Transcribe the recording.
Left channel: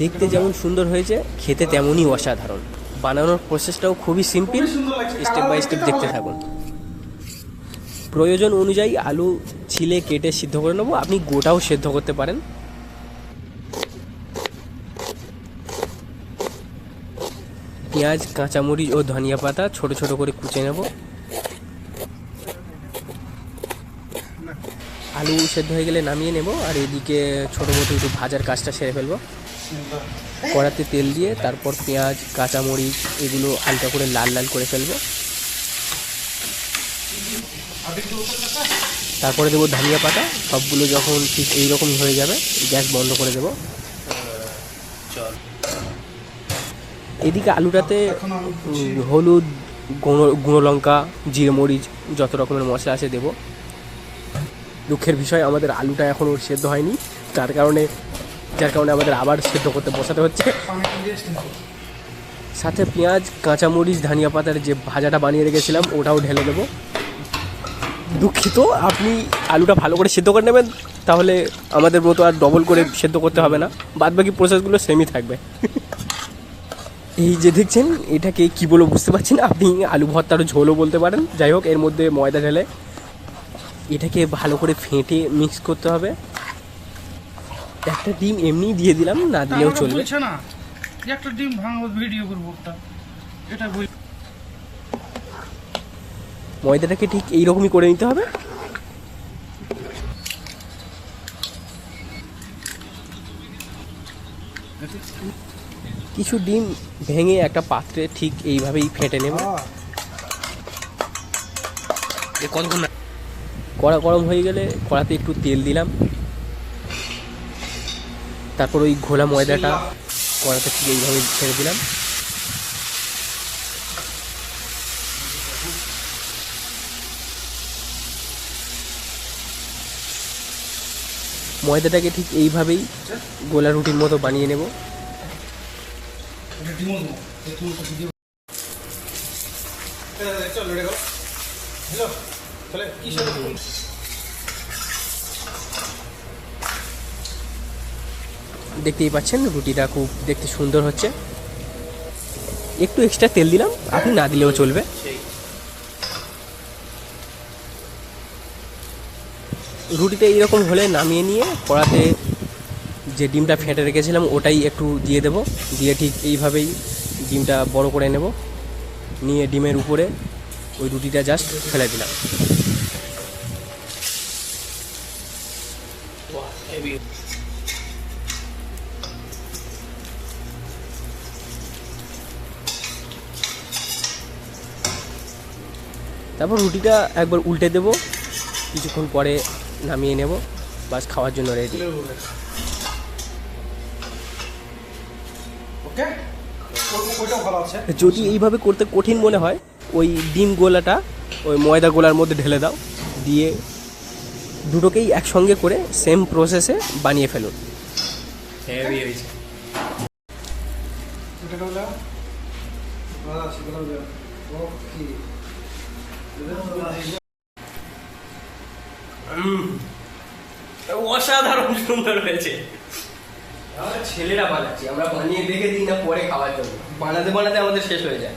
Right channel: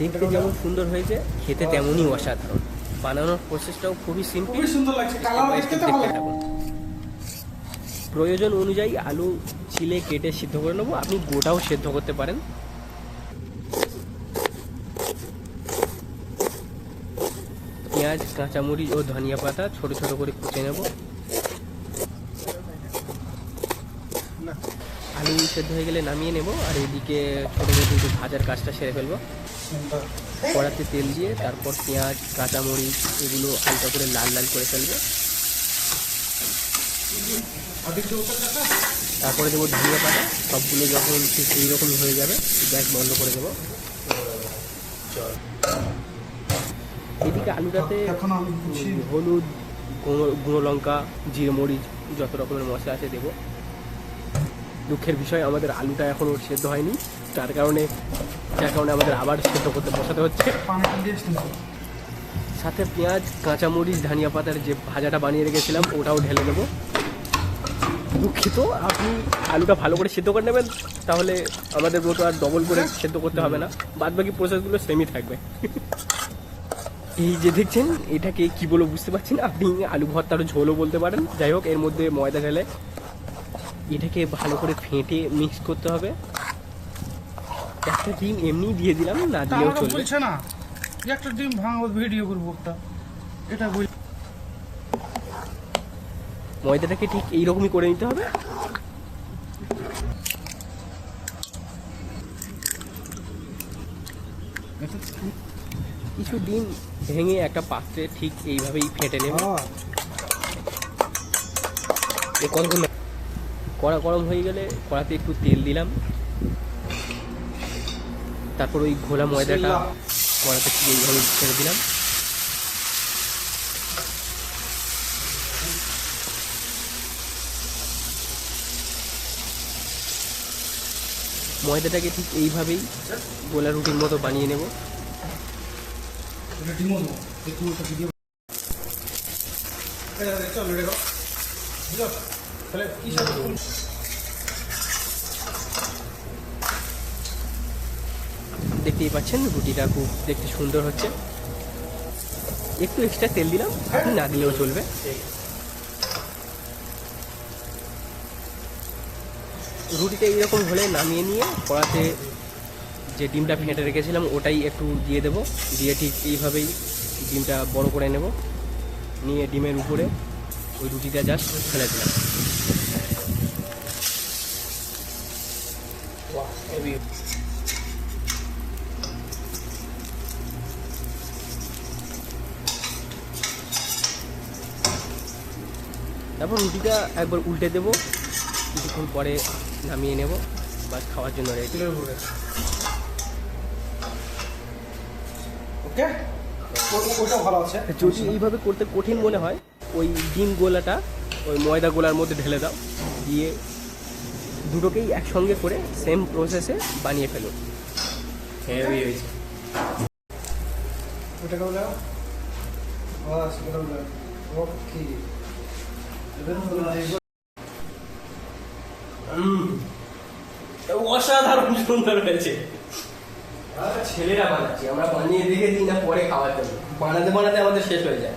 দেখতে যেমন সুন্দর হয়েছে, খেতে তেমনই অসাধারণ। বানানোর প্রসেসটাও খুবই সিম্পল, স্টেপ বাই স্টেপ দেখতে থাকুন। প্রয়োজন অনুযায়ী আলু ছিলে কেটে সিদ্ধ করে নেবো, আপনি গোটাও সেদ্ধ করতে পারেন। পেঁয়াজ, কাঁচামরিচ ও ধনিয়া পাতা ছোট ছোট করে কুচে নেব। আলু সেদ্ধ হয়ে গেলে নামিয়ে নেব, আর এদিকে ছোটো মোটো একটু ভাজার কাজটা সেরে ফেলবো। কড়াতে তেল দিয়ে তারপর পেঁয়াজ, কাঁচামরিচ এগুলো হালকা করে লাল লাল করে ফেলবো। তারপরে দেবো ধনিয়া পাতা। সবগুলো যখন ঠিক এইরকম হয়ে যাবে গ্যাস বন্ধ করে দেবো। এদিকে আলুটাতে হলুদ, গুঁড়ো লঙ্কা, জিরে মরিচ যত রকমের মশলা আছে দেবো। দুঃখের বিষয় আমাদের আলুটা এখনও সেদ্ধ হয়নি, যার কারণে আমাদের আবার সেদ্ধ করতে বসাতে হচ্ছে। সাথে পেঁয়াজ, কাঁচামরিচ, ধনিয়া পাতার যে ভাজাটা বানিয়ে রেখেছিলাম ওটাও ঢেলে দেবো। দুঃখিত, আপনি আলুটা ভালো করে সেদ্ধ করে নেবেন, তাহলে আমাদের মতো আর ডবল করে সেদ্ধ করতে হবে না, বাদবাকি প্রসেসগুলো সেমই থাকবে। এই যে দেখছেন, এটাকে কি বলবো বুঝতে পারছি না, আপনি আলু ভর্তার ঝোলও বলতে পারেন। যাই হোক, এর মধ্যে ময়দা ঢেলে এটাকে ভালো করে ফেটে মিক্স করতে হবে। একটা ডিম এমনি দিয়ে দিলাম, না দিলেও চলবে। একটা ডিম ভাঙবো, ভিডিও করবো এটা বল। ময়দাটাকে ঠিক এইরকমই করে নিতে হবে। কিছু ডিম ভেঙে একটা পাত্রে ঠিক এইভাবেই ফেটে নেবে। কতক্ষণ কড়া গরম হয়ে গেলে কড়াতে একটু তেল দিলাম, তারপর ওই ঘোলা ময়দাটা কড়াতে ঠিক এইভাবে ছেড়ে দিলাম। ময়দাটাকে ঠিক এইভাবেই গোলা রুটির মতো বানিয়ে নেব। দেখতেই পাচ্ছেন রুটিটা খুব দেখতে সুন্দর হচ্ছে। একটু এক্সট্রা তেল দিলাম, আপনি না দিলেও চলবে। রুটিটা এইরকম হলে নামিয়ে নিয়ে কড়াতে যে ডিমটা ফেটে রেখেছিলাম ওটাই একটু দিয়ে দেব, দিয়ে ঠিক এইভাবেই ডিমটা বড় করে নেব, নিয়ে ডিমের উপরে ওই রুটিটা জাস্ট ফেলে দিলাম। তারপর রুটিটা একবার উল্টে দেব, কিছুক্ষণ পরে নামিয়ে নেব, বাস খাওয়ার জন্য রেডি। যদি এইভাবে করতে কঠিন মনে হয়, ওই ডিম গোলাটা ওই ময়দা গোলার মধ্যে ঢেলে দাও, দিয়ে দুটোকেই একসঙ্গে করে সেম প্রসেসে বানিয়ে ফেলুন। হেভি হয়েছে। অসাধারণ সুন্দর হয়েছে। ছেলেরা বানাচ্ছি, আমরা বানিয়ে দেখে দিই না পরে খাওয়ার জন্য, বানাতে বানাতে আমাদের শেষ হয়ে যায়।